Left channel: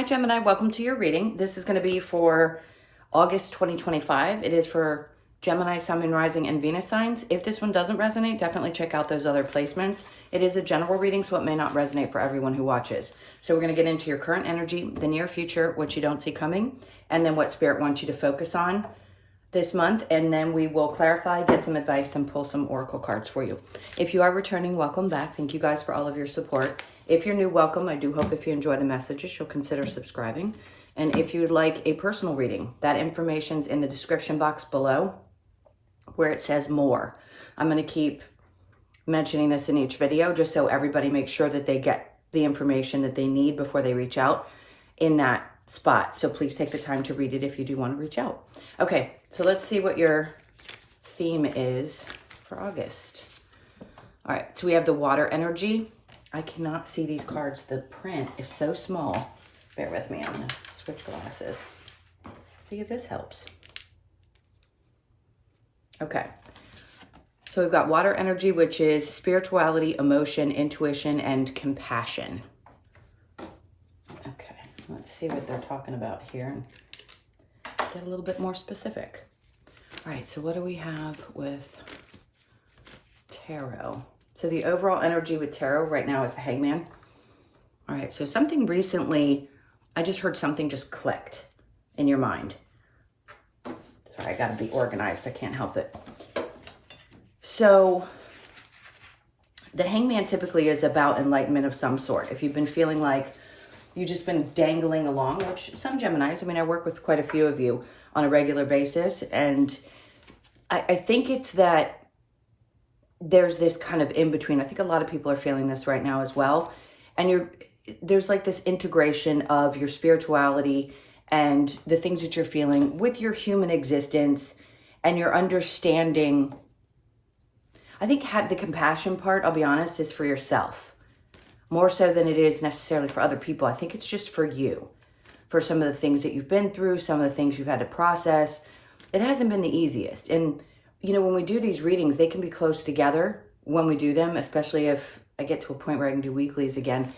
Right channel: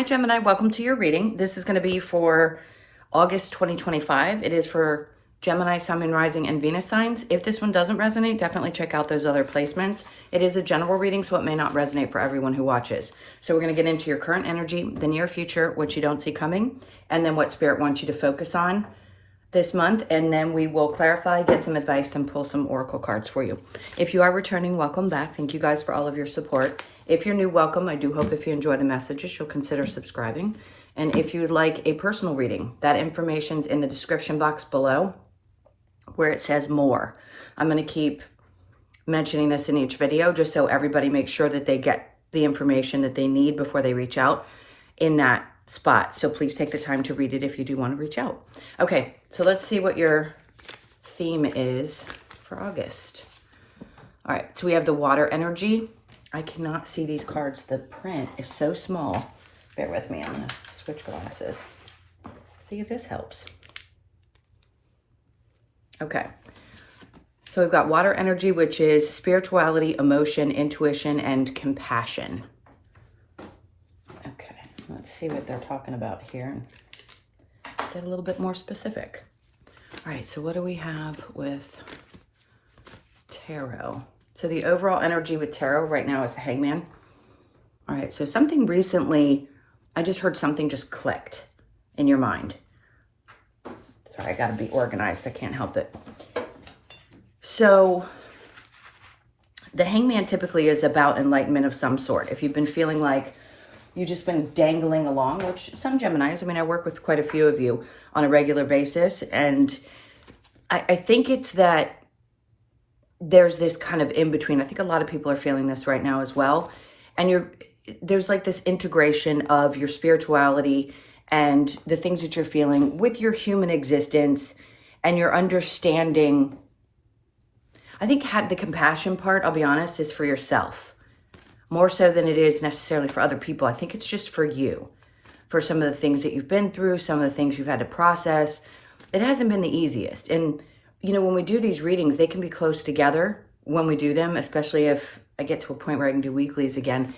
Hi Gemini, welcome to your reading. This is going to be for August 2025. It is for Gemini, Sun, Moon, Rising, and Venus signs. If this one doesn't resonate, definitely check out those other placements. It is a general reading, so it may not resonate for everyone who watches. So we're going to get into your current energy, the near future, what you don't see coming, and then what Spirit wants you to focus on this month, and then we will clarify, get some advice, and pull some oracle cards for you. If you are returning, welcome back. Thank you guys for all of your support. If you're new, welcome. I do hope if you enjoy the messages, you'll consider subscribing. And if you'd like a personal reading, that information's in the description box below where it says more. I'm going to keep mentioning this in each video just so everybody makes sure that they get the information that they need before they reach out in that spot. So please take the time to read it if you do want to reach out. Okay, so let's see what your theme is for August. All right, so we have the water energy. I cannot see these cards. The print is so small. Bear with me. I'm going to switch glasses. See if this helps. Okay. So we've got water energy, which is spirituality, emotion, intuition, and compassion. Okay. Let's see what they're talking about here and get a little bit more specific. All right. So what do we have with tarot? So the overall energy with tarot right now is the Hangman. All right, so something recently, I just heard something just clicked in your mind. Sorry, I gotta be organized, I can't help it. So the Hangman typically is about enlightenment of some sort. If you've been feeling like you've just been dangling along, which some Geminis, I mean, I work with quite a few of you on a regular basis, and I think it's that there's this kind of in between. I think a lot of people are feeling this right now as well. And there's like this integration of your spirituality and the things that you're feeling with your human existence and your understanding. I think the compassion part, I'll be honest, is for yourself more so than it is necessarily for other people. I think it's just for you, for some of the things that you've been through, some of the things you've had to process. It hasn't been the easiest. And you know, when we do these readings, they can be close together when we do them, especially if I get to a point where I can do weeklies again.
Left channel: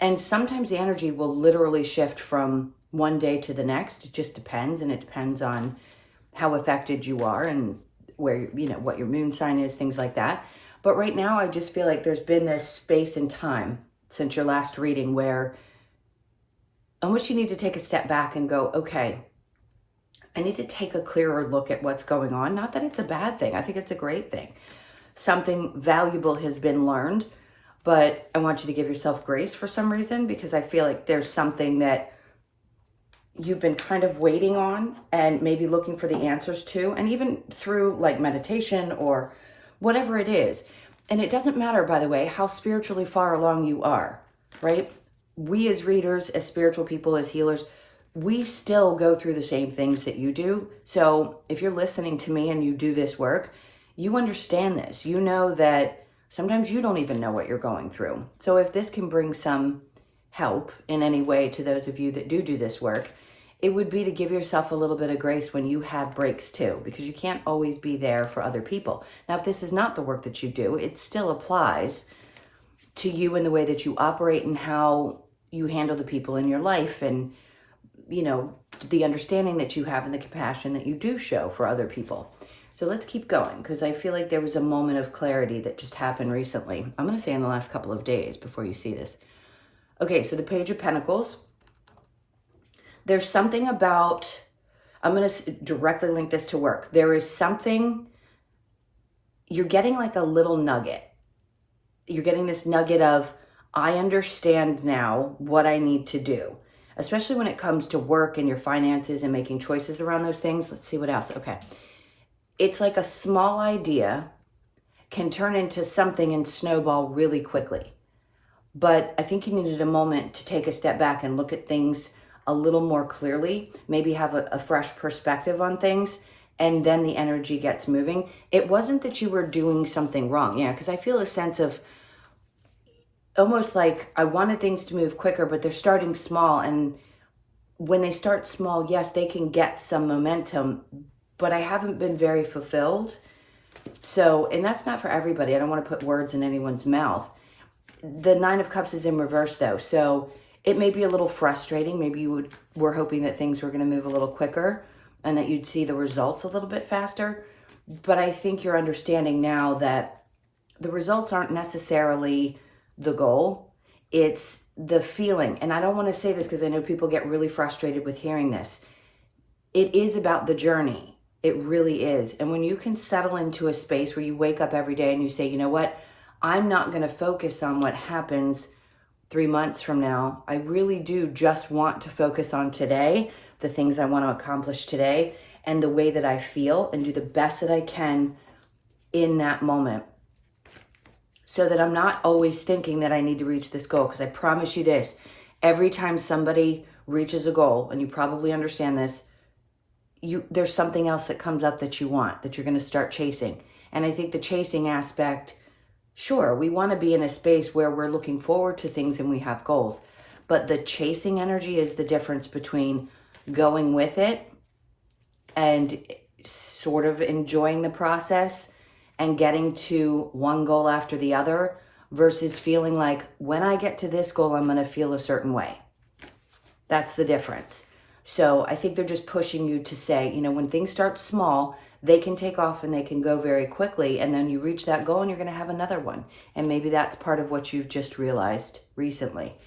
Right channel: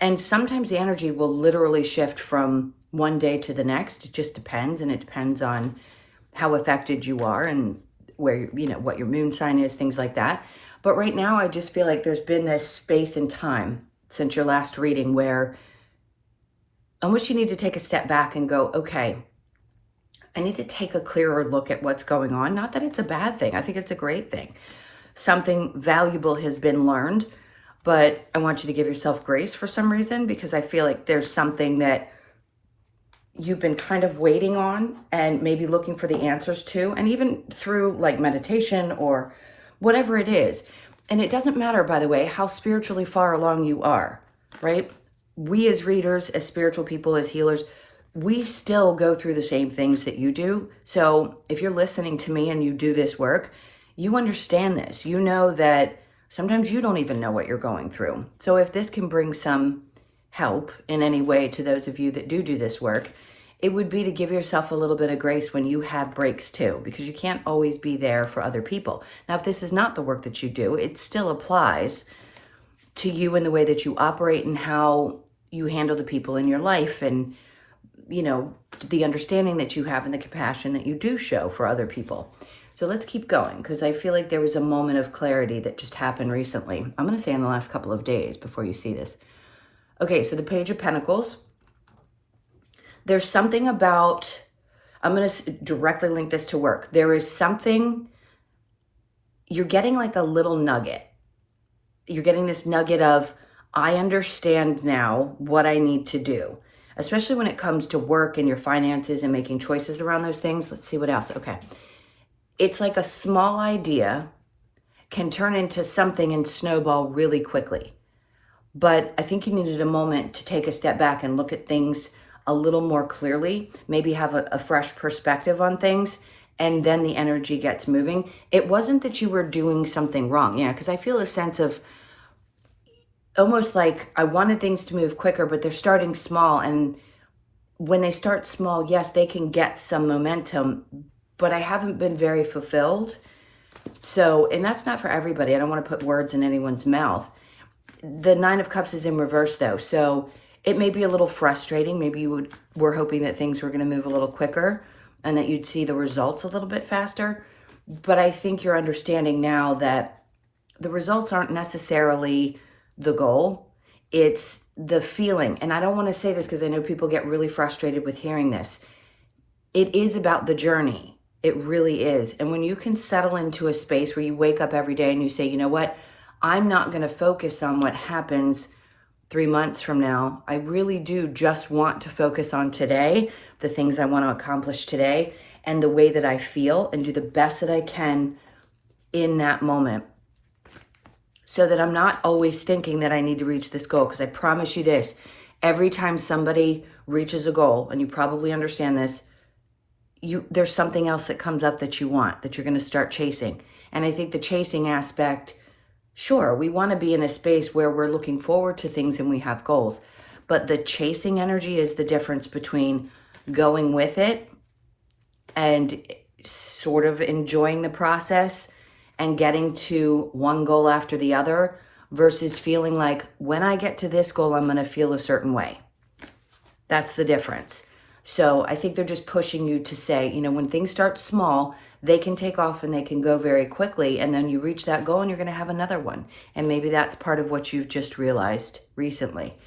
And sometimes the energy will literally shift from one day to the next. It just depends, and it depends on how affected you are and where, you know, what your moon sign is, things like that. But right now, I just feel like there's been this space and time since your last reading where almost you need to take a step back and go, okay, I need to take a clearer look at what's going on. Not that it's a bad thing. I think it's a great thing. Something valuable has been learned, but I want you to give yourself grace for some reason because I feel like there's something that you've been kind of waiting on and maybe looking for the answers to, and even through like meditation or whatever it is. And it doesn't matter, by the way, how spiritually far along you are, right? We as readers, as spiritual people, as healers, we still go through the same things that you do. So if you're listening to me and you do this work, you understand this. You know that sometimes you don't even know what you're going through. So if this can bring some help in any way to those of you that do this work, it would be to give yourself a little bit of grace when you have breaks too, because you can't always be there for other people. Now, if this is not the work that you do, it still applies to you in the way that you operate and how you handle the people in your life, and you know, the understanding that you have and the compassion that you do show for other people. So let's keep going because I feel like there was a moment of clarity that just happened recently. I'm going to say in the last couple of days before you see this. Okay, so the Page of Pentacles. There's something about, I'm going to directly link this to work. There is something, you're getting like a little nugget. You're getting this nugget of, I understand now what I need to do. Especially when it comes to work and your finances and making choices around those things. Let's see what else. Okay. It's like a small idea can turn into something and snowball really quickly. But I think you needed a moment to take a step back and look at things a little more clearly, maybe have a fresh perspective on things, and then the energy gets moving. It wasn't that you were doing something wrong. Yeah, because I feel a sense of almost like I wanted things to move quicker, but they're starting small. And when they start small, yes, they can get some momentum, but I haven't been very fulfilled. So, and that's not for everybody. I don't want to put words in anyone's mouth. The Nine of Cups is in reverse though. So It may be a little frustrating. Maybe you were hoping that things were going to move a little quicker and that you'd see the results a little bit faster. But I think you're understanding now that the results aren't necessarily the goal. It's the feeling. And I don't want to say this because I know people get really frustrated with hearing this. It is about the journey. It really is. And when you can settle into a space where you wake up every day and you say, you know what, I'm not going to focus on what happens 3 months from now. I really do just want to focus on today, the things I want to accomplish today, and the way that I feel, and do the best that I can in that moment. So that I'm not always thinking that I need to reach this goal. Because I promise you this, every time somebody reaches a goal, and you probably understand this, there's something else that comes up that you want, that you're going to start chasing. And I think the chasing aspect, sure, we want to be in a space where we're looking forward to things and we have goals. But the chasing energy is the difference between going with it and sort of enjoying the process and getting to one goal after the other versus feeling like when I get to this goal, I'm going to feel a certain way. That's the difference. So I think they're just pushing you to say, you know, when things start small, they can take off and they can go very quickly. And then you reach that goal and you're going to have another one. And maybe that's part of what you've just realized recently.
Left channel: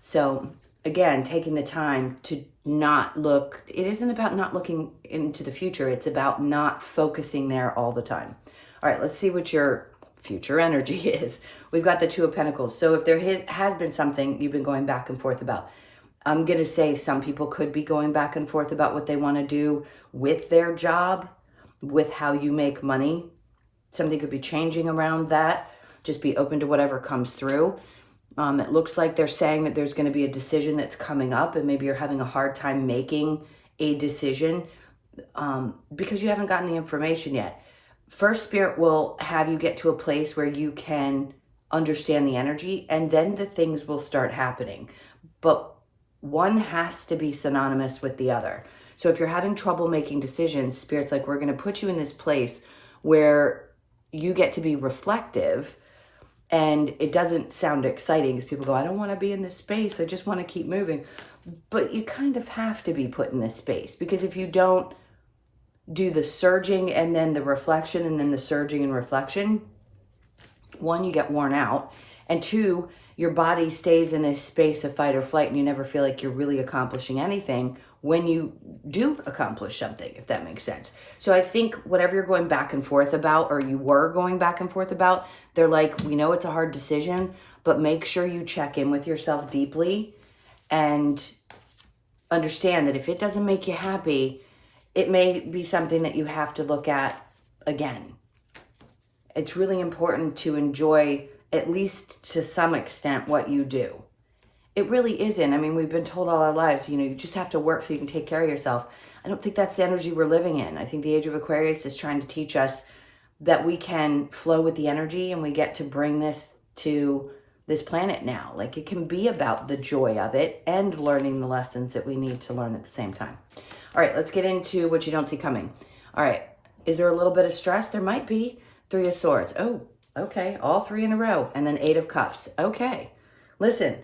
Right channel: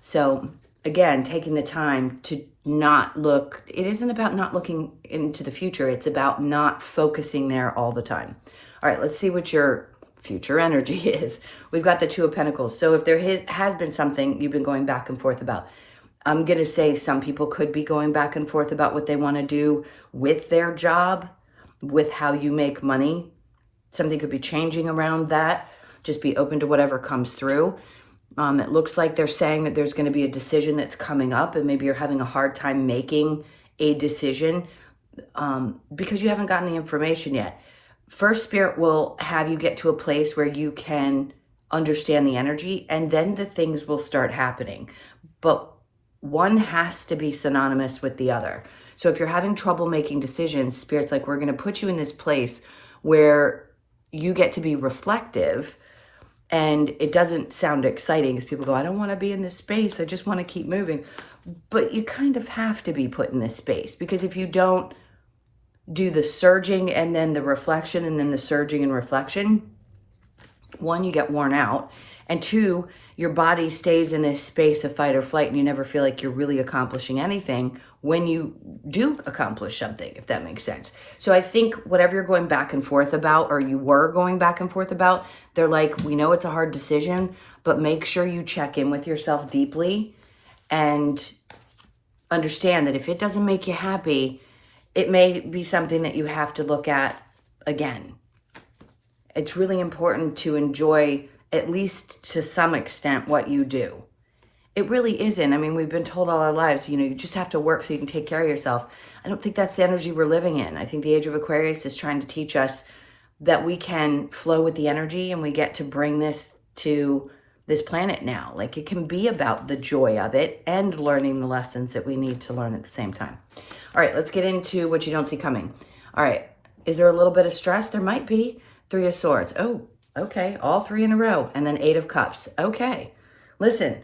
So again, taking the time to not look, it isn't about not looking into the future. It's about not focusing there all the time. All right, let's see what your future energy is. We've got the Two of Pentacles. So if there has been something you've been going back and forth about, I'm going to say some people could be going back and forth about what they want to do with their job, with how you make money. Something could be changing around that. Just be open to whatever comes through. It looks like they're saying that there's going to be a decision that's coming up, and maybe you're having a hard time making a decision because you haven't gotten the information yet. First, Spirit will have you get to a place where you can understand the energy, and then the things will start happening. But one has to be synonymous with the other. So if you're having trouble making decisions, Spirit's like, we're going to put you in this place where you get to be reflective. And it doesn't sound exciting as people go, I don't want to be in this space. I just want to keep moving. But you kind of have to be put in this space, because if you don't do the surging and then the reflection and then the surging and reflection, one, you get worn out. And two, your body stays in this space of fight or flight, and you never feel like you're really accomplishing anything when you do accomplish something, if that makes sense. So I think whatever you're going back and forth about, or you were going back and forth about, they're like, we know it's a hard decision, but make sure you check in with yourself deeply and understand that if it doesn't make you happy, it may be something that you have to look at again. It's really important to enjoy, at least to some extent, what you do. It really isn't. I mean, we've been told all our lives, you know, you just have to work so you can take care of yourself. I don't think that's the energy we're living in. I think the age of Aquarius is trying to teach us that we can flow with the energy, and we get to bring this to this planet now. Like, it can be about the joy of it and learning the lessons that we need to learn at the same time. All right, let's get into what you don't see coming. All right, is there a little bit of stress? There might be. Three of Swords. Oh, okay, all three in a row. And then Eight of Cups. Okay, listen,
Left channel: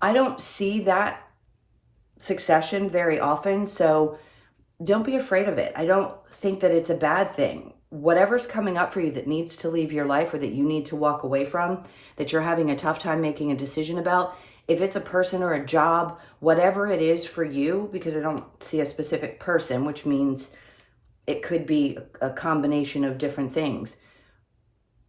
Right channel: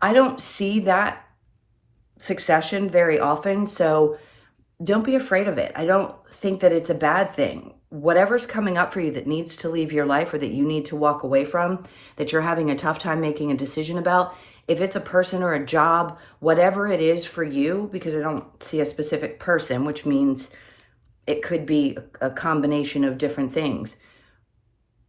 I don't see that succession very often, so don't be afraid of it. I don't think that it's a bad thing. Whatever's coming up for you that needs to leave your life, or that you need to walk away from, that you're having a tough time making a decision about, if it's a person or a job, whatever it is for you, because I don't see a specific person, which means it could be a combination of different things.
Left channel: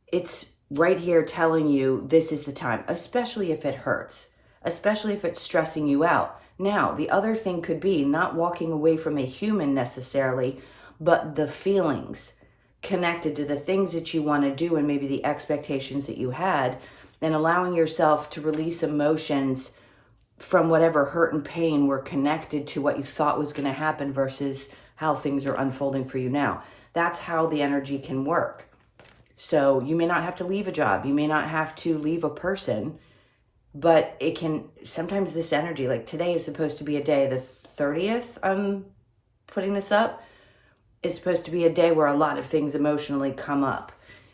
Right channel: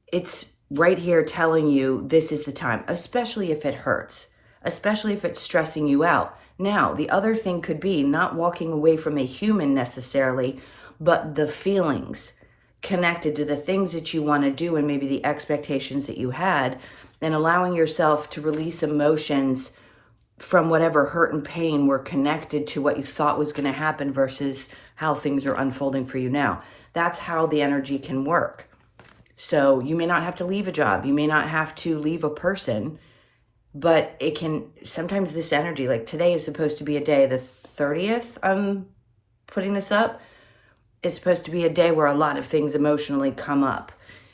It's right here telling you this is the time, especially if it hurts, especially if it's stressing you out. Now, the other thing could be not walking away from a human necessarily, but the feelings connected to the things that you want to do, and maybe the expectations that you had, and allowing yourself to release emotions from whatever hurt and pain were connected to what you thought was going to happen versus how things are unfolding for you now. That's how the energy can work. So you may not have to leave a job. You may not have to leave a person, but it can, sometimes this energy, like today is supposed to be a day, the 30th, I'm putting this up, it's supposed to be a day where a lot of things emotionally come up,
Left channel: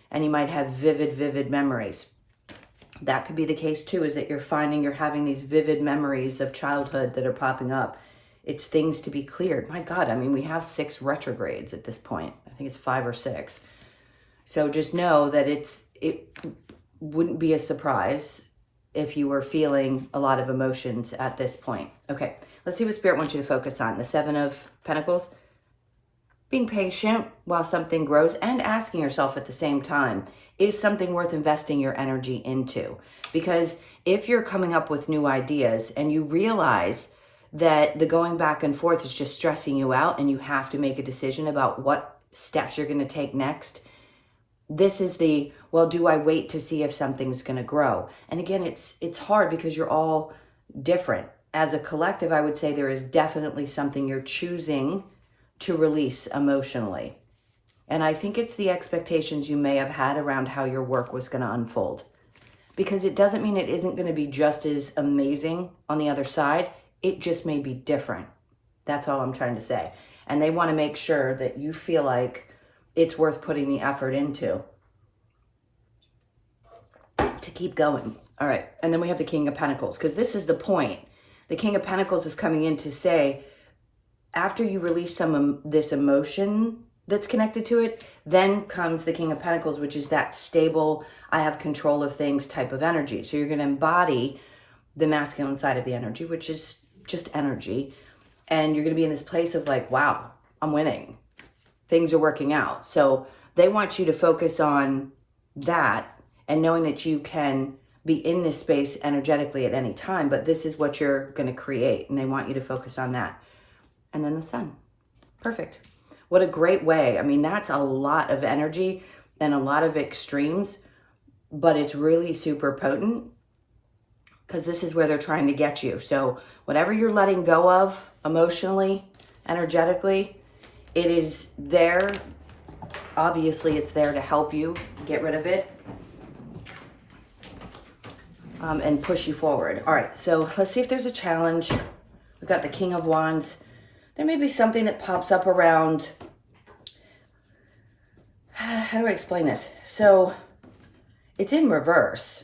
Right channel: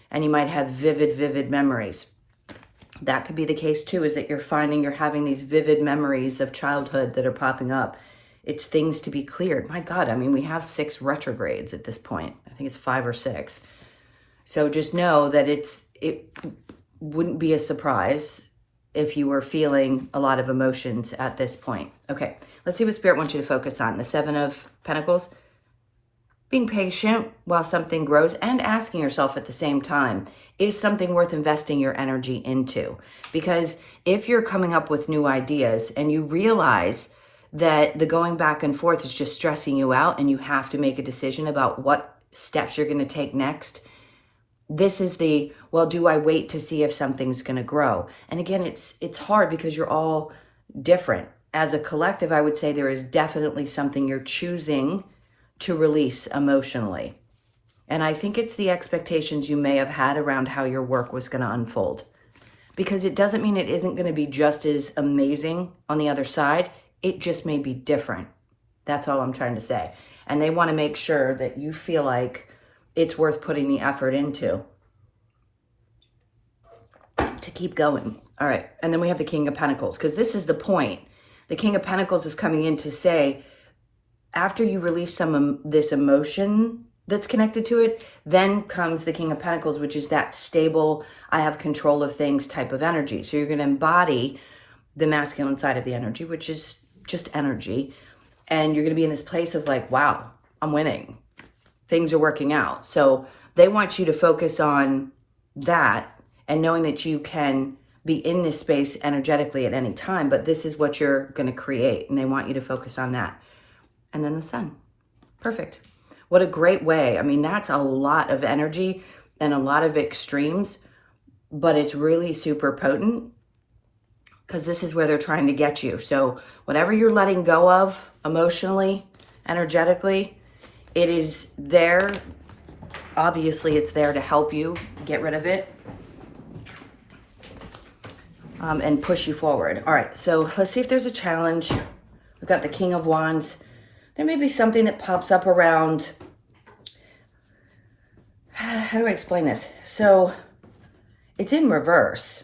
and you might have vivid memories. That could be the case too, is that you're finding you're having these vivid memories of childhood that are popping up. It's things to be cleared. My God, I mean, we have 6 retrogrades at this point. I think it's 5 or 6. So just know that it wouldn't be a surprise if you were feeling a lot of emotions at this point. Okay, let's see what Spirit wants you to focus on. The 7 of Pentacles. Being patient while something grows and asking yourself at the same time, is something worth investing your energy into? Because if you're coming up with new ideas and you realize that the going back and forth is just stressing you out and you have to make a decision about what steps you're going to take next, this is the, well, do I wait to see if something's going to grow? And again, it's hard because you're all different. As a collective, I would say there is definitely something you're choosing to release emotionally. And I think it's the expectations you may have had around how your work was going to unfold. Because it doesn't mean it isn't going to be just as amazing on the other side. It just may be different. That's all I'm trying to say. And they want to make sure that you feel like it's worth putting the effort into to keep going. All right. And then we have the King of Pentacles, because this is the point. The King of Pentacles is coming in to say, after you release some this emotion that's connected to it, then comes the King of Pentacles, which is that stable, I have control of things type of energy. So you're going to embody the masculine side of the energy, which is just energy. And you're going to be in this place of like, wow, I'm winning. Things are working out. So they want you to focus on that and knowing that you can be in this space energetically at any time, but this is what you're going to create. And they want you to focus on that. And then the Sun. Perfect. What a great way. I mean, that's a lot of energy and a lot of extremes, but it's really super potent because this is where they're trying to get you. So whatever you're letting go of emotionally, energetically, it is there. Obviously, it's there to help you get rid of it and push you forward. All right, so let's see if there's a challenge. We've got the King of Wands. There may be something that pops up around, how do I explain this? So it's in reverse.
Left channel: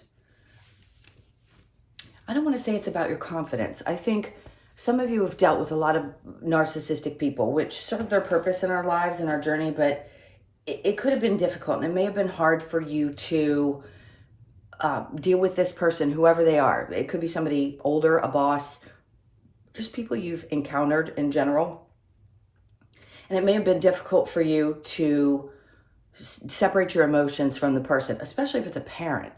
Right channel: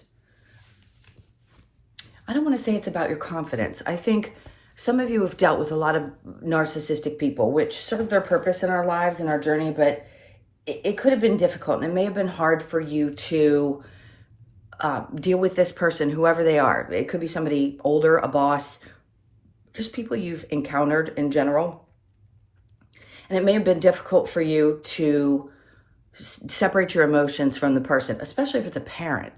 I don't want to say it's about your confidence. I think some of you have dealt with a lot of narcissistic people, which serve their purpose in our lives and our journey, but it could have been difficult. And it may have been hard for you to deal with this person, whoever they are. It could be somebody older, a boss, just people you've encountered in general. And it may have been difficult for you to separate your emotions from the person, especially if it's a parent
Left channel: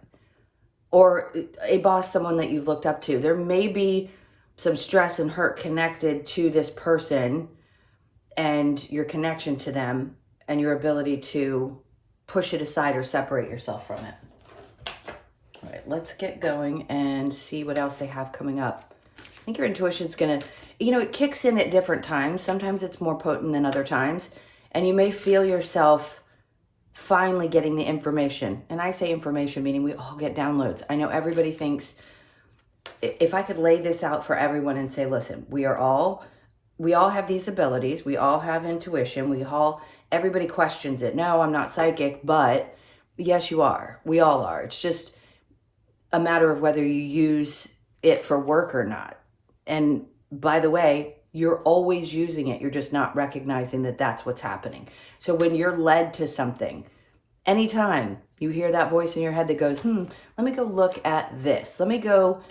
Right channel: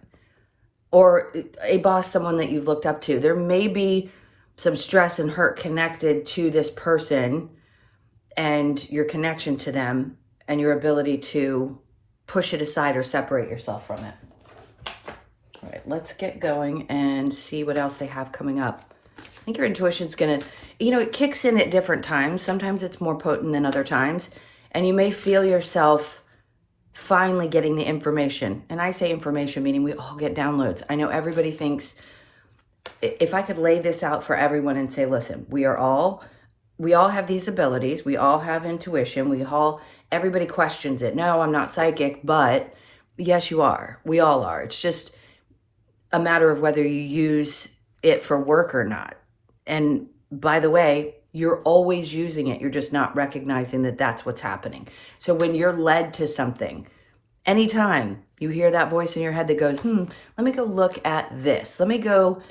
or a boss, someone that you've looked up to. There may be some stress and hurt connected to this person and your connection to them and your ability to push it aside or separate yourself from it. All right, let's get going and see what else they have coming up. I think your intuition's gonna, it kicks in at different times. Sometimes it's more potent than other times. And you may feel yourself finally getting the information. And I say information, meaning we all get downloads. I know everybody thinks, if I could lay this out for everyone and say, listen, we all have these abilities. We all have intuition. Everybody questions it. No, I'm not psychic, but yes, you are. We all are. It's just a matter of whether you use it for work or not. And by the way, you're always using it. You're just not recognizing that that's what's happening. So when you're led to something, anytime you hear that voice in your head that goes, let me go look at this. Let me go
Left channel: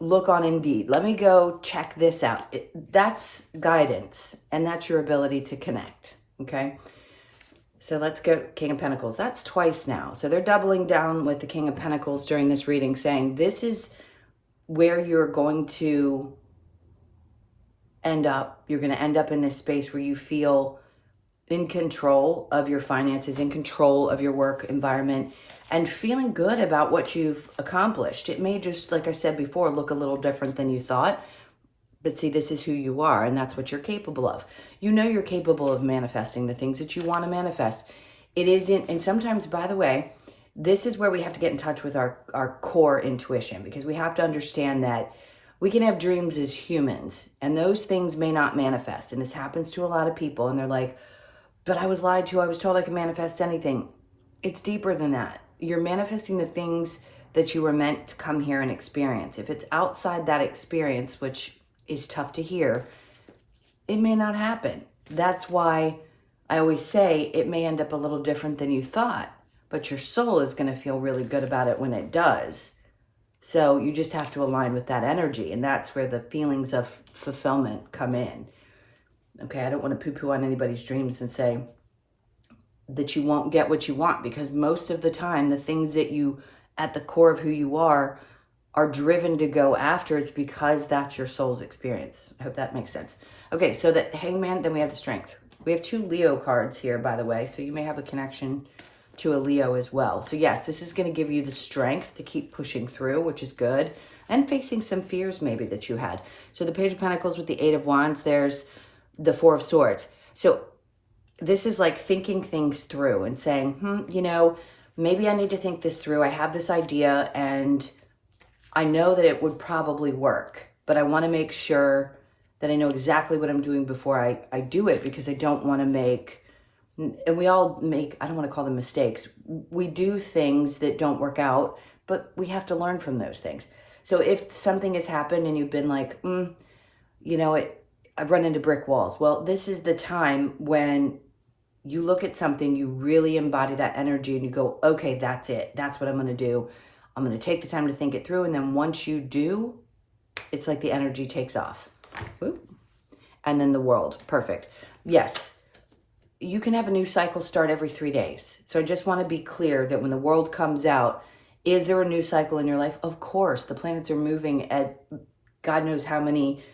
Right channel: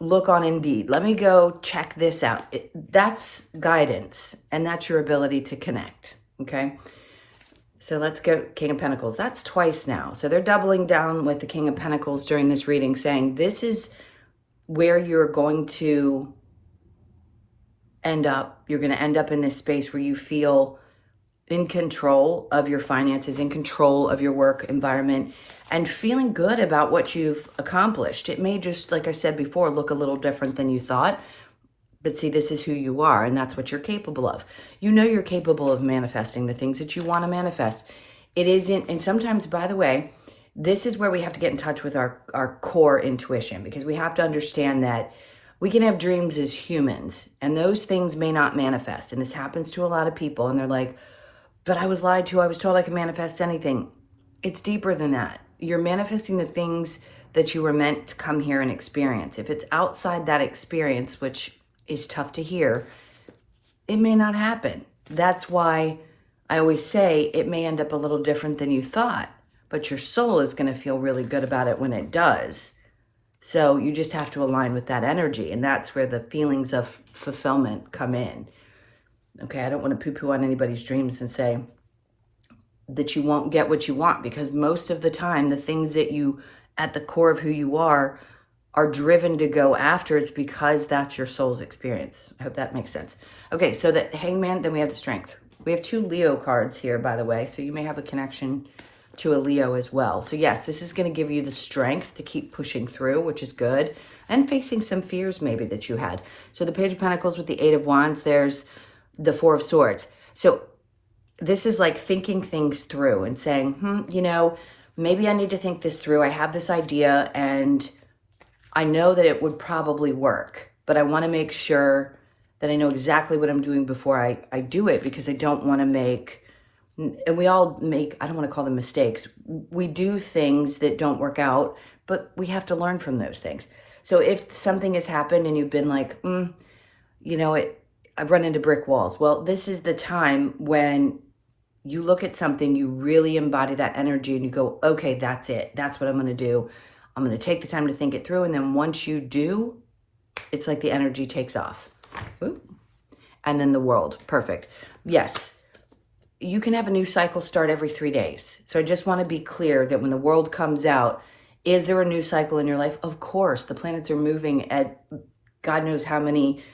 look on Indeed. Let me go check this out. That's guidance, and that's your ability to connect, okay? So let's go King of Pentacles. That's twice now. So they're doubling down with the King of Pentacles during this reading, saying this is where you're going to end up. You're going to end up in this space where you feel in control of your finances, in control of your work environment, and feeling good about what you've accomplished. It may just, like I said before, look a little different than you thought. But see, this is who you are, and that's what you're capable of. You know you're capable of manifesting the things that you want to manifest. It isn't, and sometimes, by the way, this is where we have to get in touch with our core intuition, because we have to understand that we can have dreams as humans, and those things may not manifest. And this happens to a lot of people, and they're like, but I was lied to. I was told I could manifest anything. It's deeper than that. You're manifesting the things that you were meant to come here and experience. If it's outside that experience, which is tough to hear, it may not happen. That's why I always say it may end up a little different than you thought, but your soul is going to feel really good about it when it does. So you just have to align with that energy, and that's where the feelings of fulfillment come in. Okay, I don't want to poo-poo on anybody's dreams and say that you won't get what you want, because most of the time, the things that you, at the core of who you are driven to go after, it's because that's your soul's experience. I hope that makes sense. Okay, so the Hangman, then we have the Strength. We have 2 Leo cards here, by the way, so you may have a connection to a Leo as well. So yes, this is going to give you the strength to keep pushing through, which is good, and facing some fears maybe that you had. So the Page of Pentacles with the 8 of Wands, there's the 4 of Swords. So this is like thinking things through and saying, you know, maybe I need to think this through. I have this idea and I know that it would probably work, but I want to make sure that I know exactly what I'm doing before I do it, because I don't want to make, and we all make, I don't want to call them mistakes. We do things that don't work out, but we have to learn from those things. So if something has happened and you've been like, you know, I've run into brick walls. Well, this is the time when you look at something, you really embody that energy and you go, okay, that's it. That's what I'm going to do. I'm going to take the time to think it through. And then once you do, it's like the energy takes off. Ooh. And then the World. Perfect. Yes. You can have a new cycle start every 3 days. So I just want to be clear that when the World comes out, is there a new cycle in your life? Of course. The planets are moving at God knows how many,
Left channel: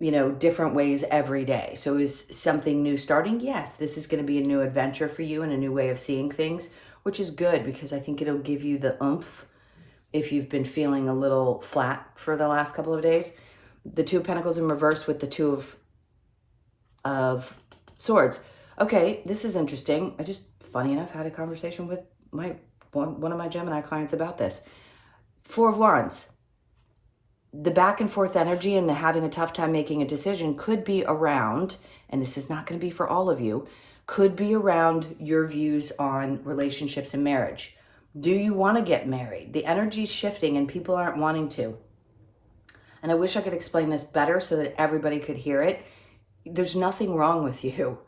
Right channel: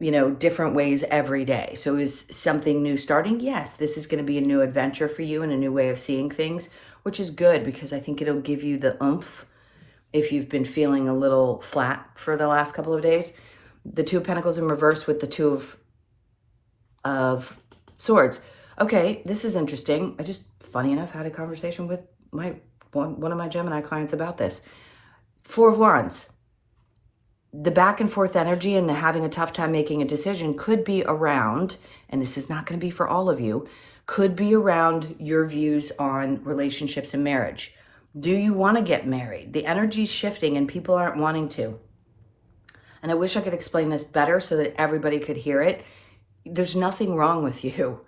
you know, different ways every day. So is something new starting? Yes, this is going to be a new adventure for you and a new way of seeing things, which is good because I think it'll give you the oomph if you've been feeling a little flat for the last couple of days. The 2 of Pentacles in reverse with the 2 of Swords. Okay, this is interesting. I just, funny enough, had a conversation with one of my Gemini clients about this. 4 of Wands. The back and forth energy and the having a tough time making a decision could be around, and this is not going to be for all of you, could be around your views on relationships and marriage. Do you want to get married? The energy's shifting and people aren't wanting to. And I wish I could explain this better so that everybody could hear it. There's nothing wrong with you.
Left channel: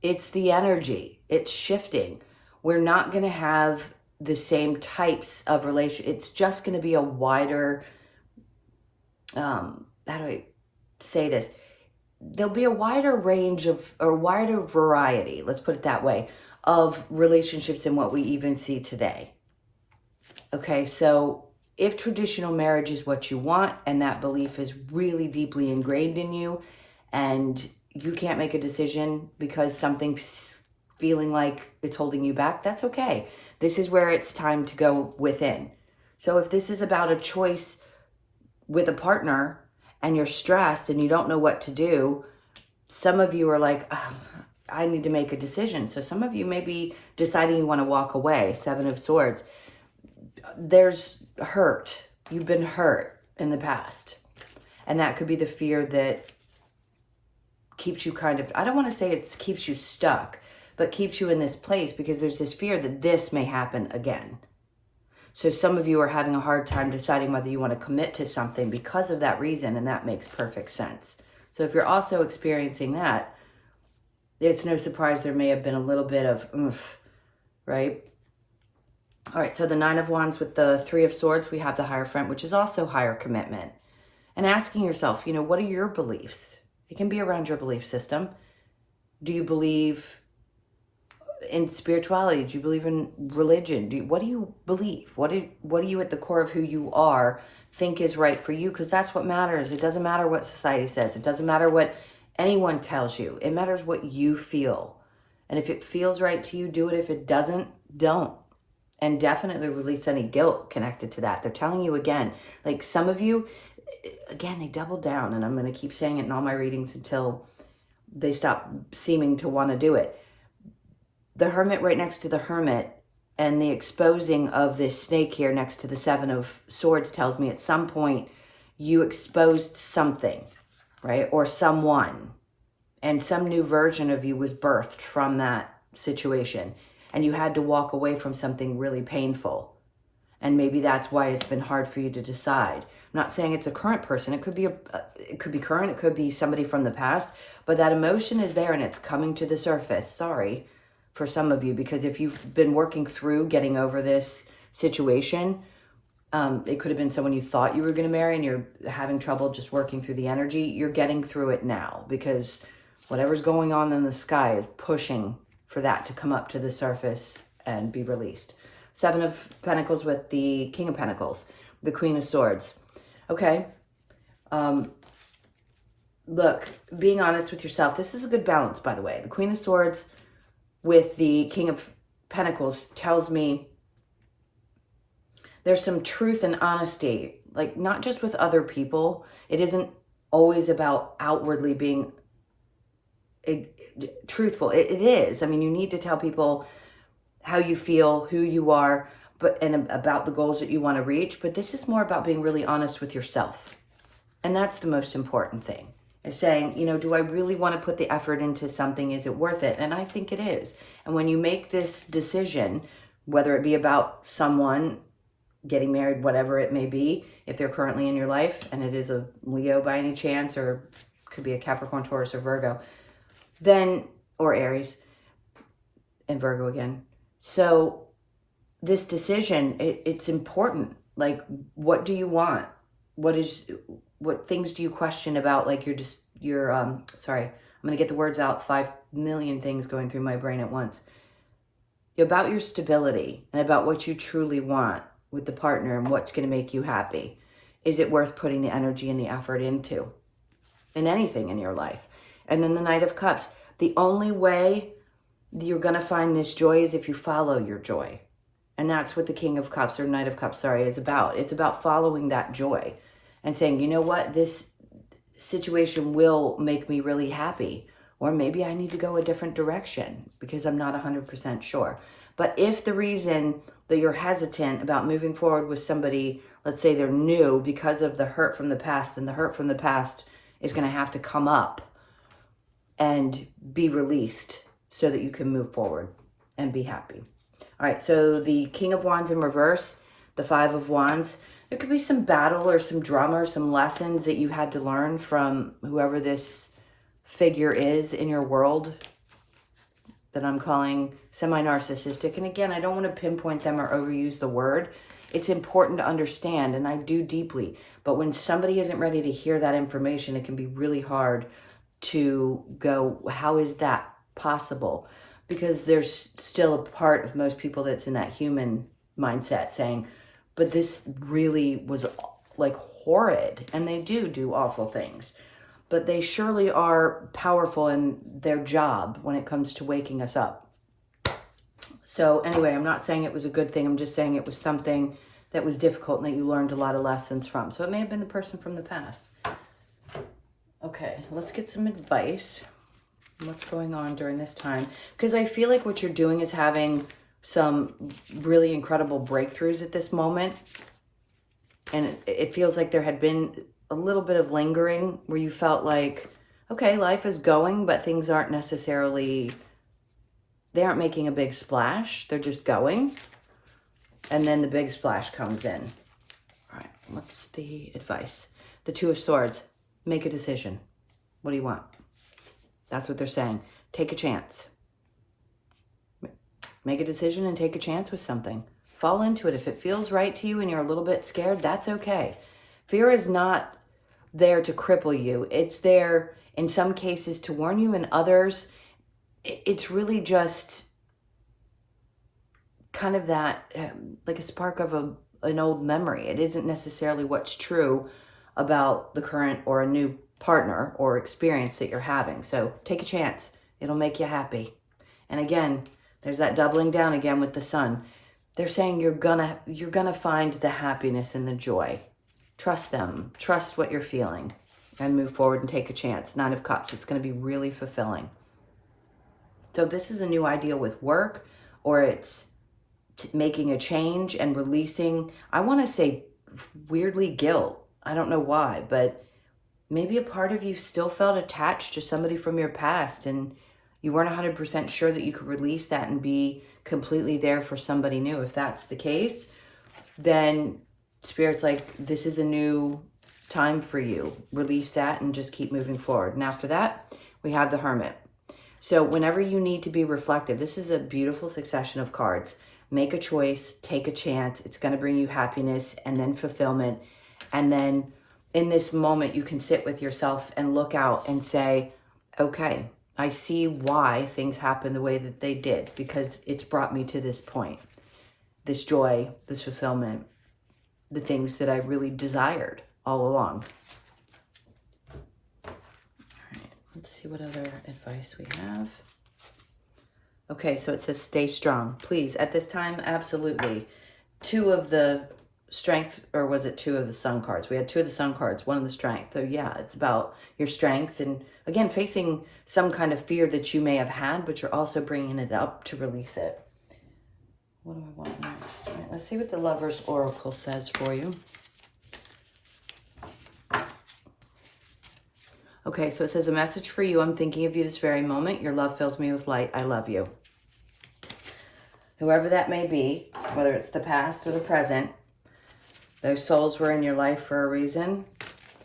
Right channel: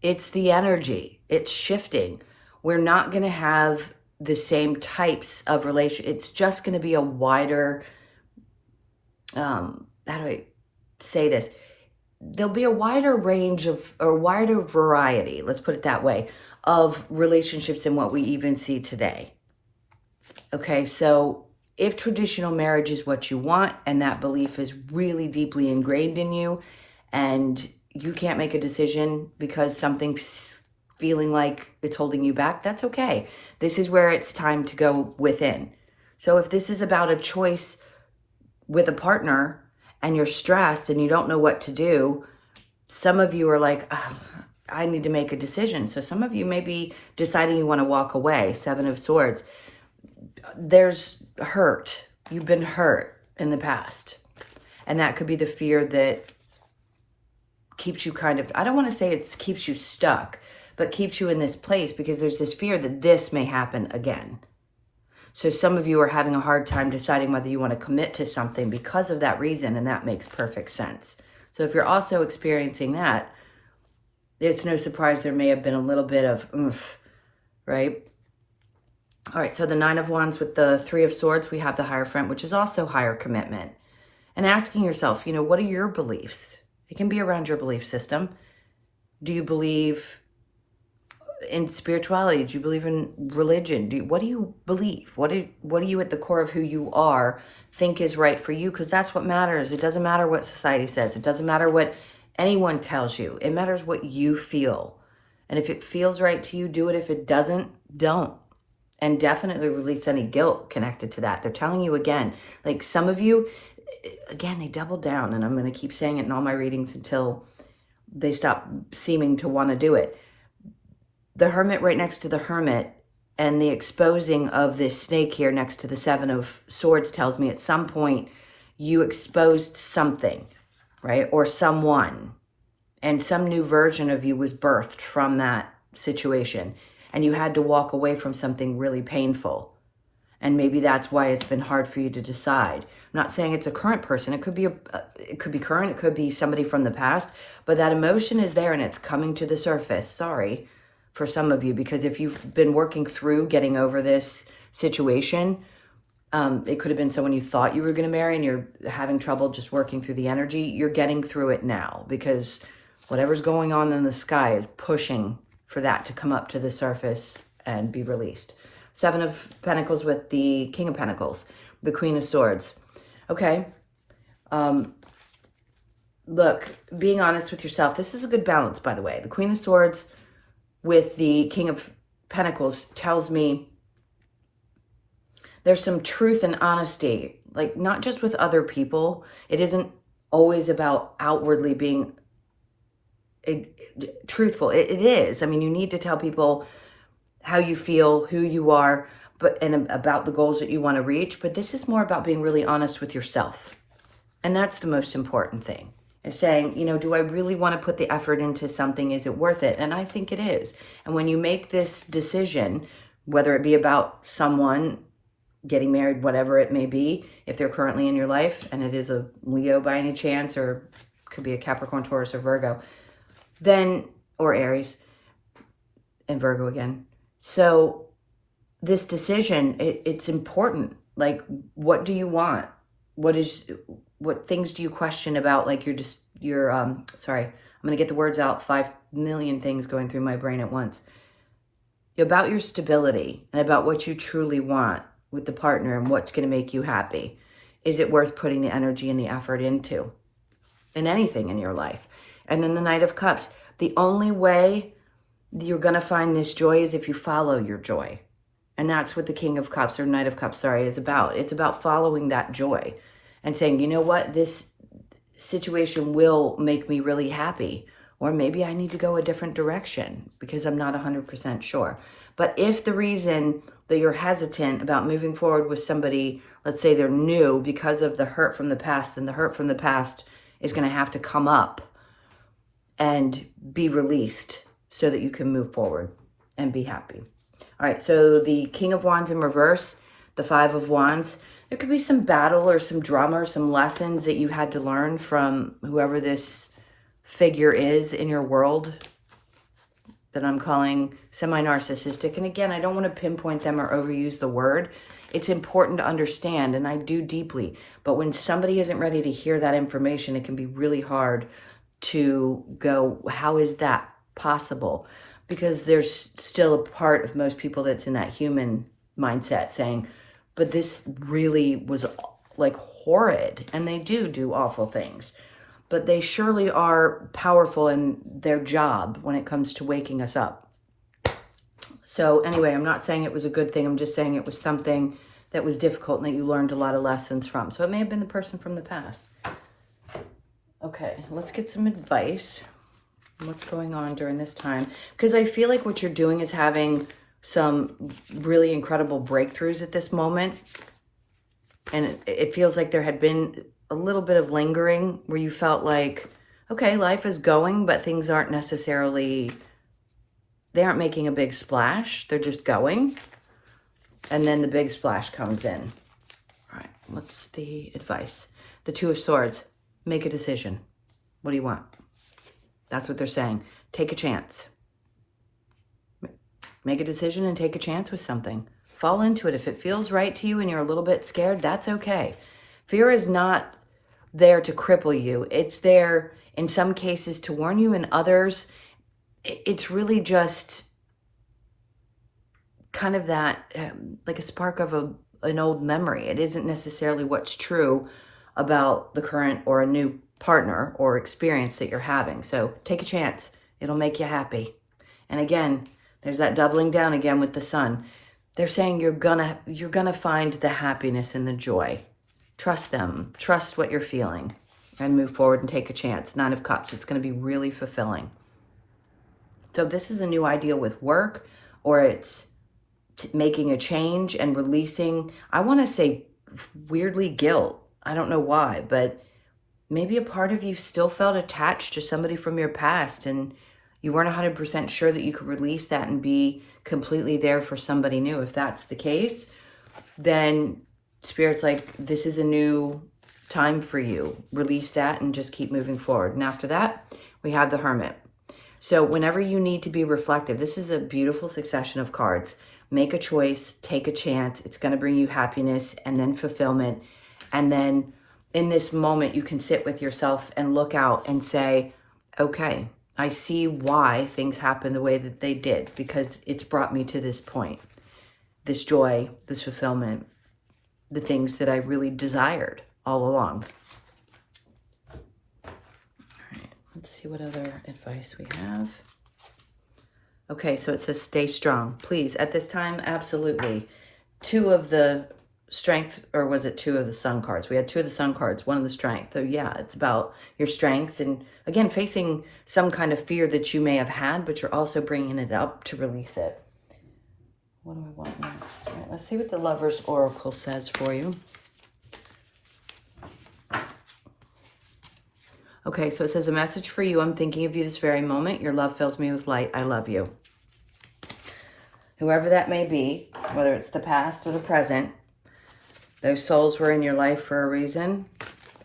It's the energy. It's shifting. We're not going to have the same types of relation. It's just going to be a wider, how do I say this? There'll be a wider range of, or wider variety, let's put it that way, of relationships than what we even see today. Okay, so if traditional marriage is what you want and that belief is really deeply ingrained in you and you can't make a decision because something's feeling like it's holding you back, that's okay. This is where it's time to go within. So if this is about a choice with a partner and you're stressed and you don't know what to do, some of you are like, oh, I need to make a decision. So some of you may be deciding you want to walk away. 7 of Swords. There's hurt. You've been hurt in the past. And that could be the fear that keeps you kind of, I don't want to say it keeps you stuck, but keeps you in this place because there's this fear that this may happen again. So some of you are having a hard time deciding whether you want to commit to something because of that reason, and that makes perfect sense. So if you're also experiencing that, it's no surprise there may have been a little bit of oomph, right? All right, so the 9 of Wands with the 3 of Swords, we have the Hierophant, which is also higher commitment. And asking yourself, you know, what are your beliefs? It can be around your belief system. Do you believe in spirituality? Do you believe in religion? What do you believe? What do you at the core of who you are think is right for you? Because that's what matters. It doesn't matter what society says. It doesn't matter what anyone tells you. It matters what you feel. And if it feels right to you, do it. If it doesn't, don't. And definitely release any guilt connected to that. They're telling you again, like some of you, again, they double down, and I'm going to keep saying it in all my readings until they stop seeming to want to do it. The Hermit right next to the Hermit and the exposing of this snake here next to the 7 of Swords tells me at some point you exposed something, right? Or someone, and some new version of you was birthed from that situation. And you had to walk away from something really painful. And maybe that's why it's been hard for you to decide. I'm not saying it's a current person. It could be current. It could be somebody from the past. But that emotion is there and it's coming to the surface. Sorry for some of you, because if you've been working through getting over this situation, it could have been someone you thought you were going to marry and you're having trouble just working through the energy. You're getting through it now because whatever's going on in the sky is pushing for that to come up to the surface and be released. Seven of Pentacles with the King of Pentacles, the Queen of Swords. Okay. Look, being honest with yourself, this is a good balance, by the way. The Queen of Swords with the King of Pentacles tells me there's some truth and honesty, like not just with other people. It isn't always about outwardly being truthful. It is. I mean, you need to tell people how you feel, who you are, and about the goals that you want to reach. But this is more about being really honest with yourself. And that's the most important thing, is saying, you know, do I really want to put the effort into something? Is it worth it? And I think it is. And when you make this decision, whether it be about someone getting married, whatever it may be, if they're currently in your life and it is a Leo by any chance, or could be a Capricorn, Taurus, or Virgo, then, or Aries and Virgo again. So this decision, it's important. Like, what do you want? What things do you question about? Like sorry, I'm going to get the words out. 5 million things going through my brain at once. About your stability and about what you truly want with the partner and what's going to make you happy. Is it worth putting the energy and the effort into in anything in your life? And then the Knight of Cups. The only way you're going to find this joy is if you follow your joy. And that's what the King of Cups, or Knight of Cups, sorry, is about. It's about following that joy and saying, you know what, this situation will make me really happy. Or maybe I need to go a different direction because I'm not 100% sure. But if the reason that you're hesitant about moving forward with somebody, let's say they're new, because of the hurt from the past, then the hurt from the past is going to have to come up and be released so that you can move forward and be happy. All right, so the King of Wands in reverse, the Five of Wands. There could be some battle or some drama or some lessons that you had to learn from whoever this figure is in your world that I'm calling semi-narcissistic. And again, I don't want to pinpoint them or overuse the word. It's important to understand, and I do deeply. But when somebody isn't ready to hear that information, it can be really hard to go, how is that possible? Because there's still a part of most people that's in that human mindset saying, but this really was like horrid. And they do awful things. But they surely are powerful in their job when it comes to waking us up. So anyway, I'm not saying it was a good thing. I'm just saying it was something that was difficult and that you learned a lot of lessons from. So it may have been the person from the past. Okay, let's get some advice. What's going on during this time? Because I feel like what you're doing is having some really incredible breakthroughs at this moment. And it feels like there had been a little bit of lingering where you felt like, okay, life is going, but things aren't necessarily, they aren't making a big splash. They're just going. And then the big splash comes in. All right, what's the advice? The Two of Swords. Make a decision. What do you want? That's what they're saying. Take a chance. Make a decision and take a chance with something. Fall into it. If it feels right to you and you're a little bit scared, that's okay. Fear is not there to cripple you. It's there in some cases to warn you. In others, it's really just kind of that, like a spark of an old memory. It isn't necessarily what's true about the current or a new partner or experience that you're having. So take a chance. It'll make you happy. And again, there's that doubling down again with the Sun. They're saying you're gonna find the happiness and the joy. Trust them. Trust what you're feeling and move forward and take a chance. Nine of Cups. It's going to be really fulfilling. So this is a new ideal with work, or it's making a change and releasing, I want to say weirdly, guilt. I don't know why, but maybe a part of you still felt attached to somebody from your past and you weren't 100% sure that you could release that and be completely there for somebody new. If that's the case, then Spirit's like, this is a new time for you. Release that and just keep moving forward. And after that, we have the Hermit. So whenever you need to be reflective, this is a beautiful succession of cards. Make a choice, take a chance. It's going to bring you happiness and then fulfillment. And then in this moment, you can sit with yourself and look out and say, okay, I see why things happen the way that they did, because it's brought me to this point. This joy, this fulfillment, the things that I really desired all along. All right, let's see what other advice we have. Okay, so it says stay strong. Please, at this time, absolutely. 2 of the strength, or was it 2 of the sun cards? We had 2 of the sun cards, 1 of the strength. So yeah, it's about your strength and, again, facing some kind of fear that you may have had, but you're also bringing it up to release it. What do we want next? All right, let's see what the Lover's Oracle says for you. Okay, so it says, a message for you. I'm thinking of you this very moment. Your love fills me with light. I love you. Whoever that may be, whether it's the past or the present, those souls were in your life for a reason,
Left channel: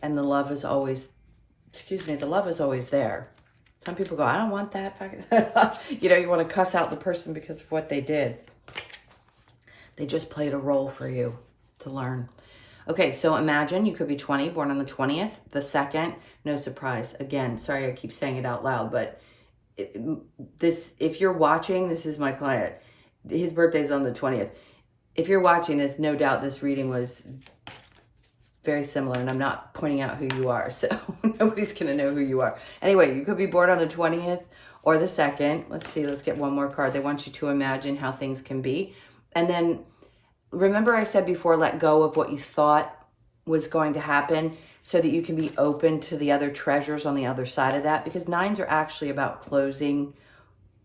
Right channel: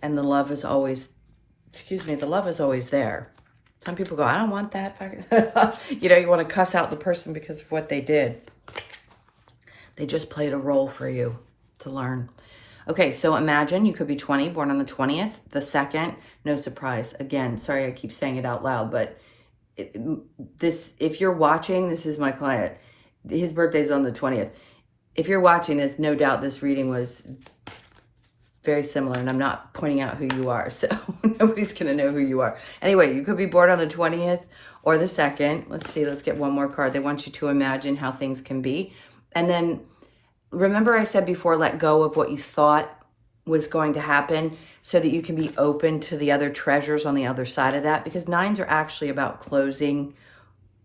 and the love is always, the love is always there. Some people go, I don't want that. You know, you want to cuss out the person because of what they did. They just played a role for you to learn. Okay, so imagine you could be 20, born on the 20th, the 2nd, no surprise. Again, sorry I keep saying it out loud, but if you're watching, this is my client. His birthday's on the 20th. If you're watching this, no doubt this reading was very similar, and I'm not pointing out who you are, so nobody's going to know who you are. Anyway, you could be born on the 20th or the 2nd. Let's see, let's get one more card. They want you to imagine how things can be. And then remember I said before, let go of what you thought was going to happen so that you can be open to the other treasures on the other side of that, because 9s are actually about closing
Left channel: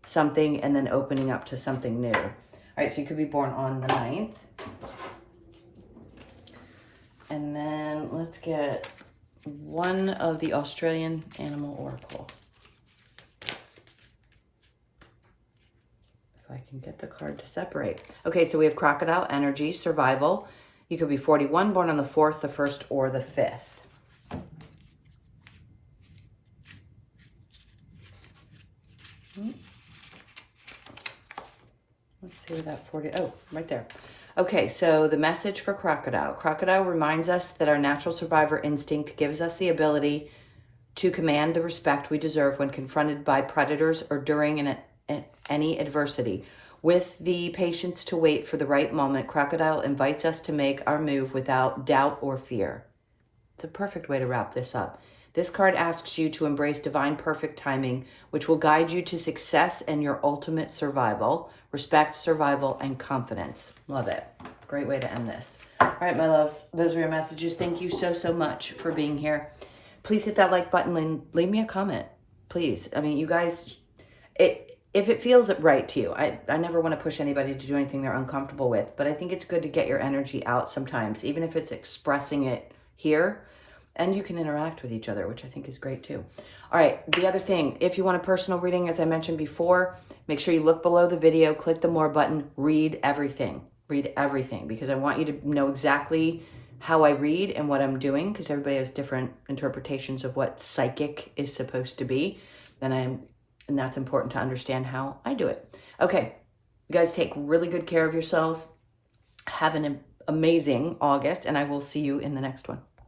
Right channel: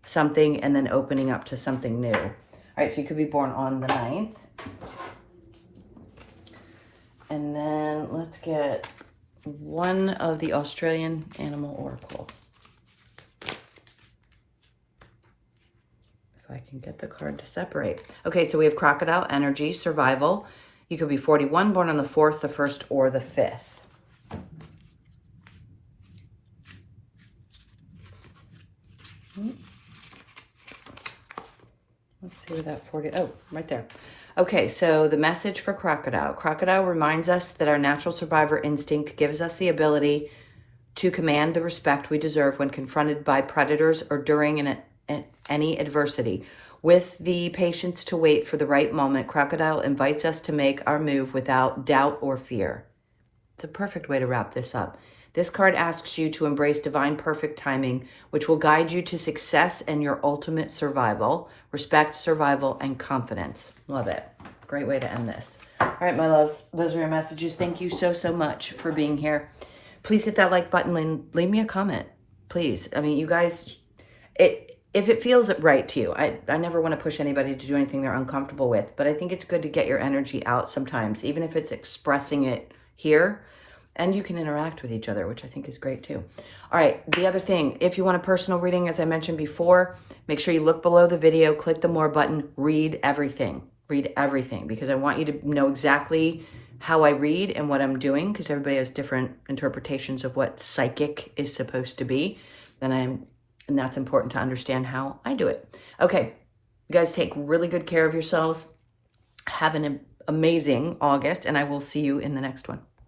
something and then opening up to something new. All right, so you could be born on the 9th. And then let's get one of the Australian Animal Oracle. If I can get the card to separate. Okay, so we have Crocodile Energy, Survival. You could be 41, born on the 4th, the 1st, or the 5th. Let's see where that 40, oh, right there. Okay, so the message for Crocodile. Crocodile reminds us that our natural survivor instinct gives us the ability to command the respect we deserve when confronted by predators or during any adversity. With the patience to wait for the right moment, Crocodile invites us to make our move without doubt or fear. It's a perfect way to wrap this up. This card asks you to embrace divine perfect timing, which will guide you to success and your ultimate survival, respect, survival, and confidence. Love it. Great way to end this. All right, my loves, those are your messages. Thank you so, so much for being here. Please hit that like button and leave me a comment, please. I mean, you guys, if it feels right to you, I never want to push anybody to do anything they're uncomfortable with, but I think it's good to get your energy out sometimes, even if it's expressing it here. And you can interact with each other, which I think is great too. All right, the other thing, if you want a personal reading, as I mentioned before, make sure you look below the video, click the more button, read everything. Read everything, because I want you to know exactly how I read and what I'm doing, because everybody has different interpretations of what psychic is supposed to be. And that's important to understand how I do it. Okay, you guys take really good care of yourselves. Have an amazing August, and I will see you in the next one.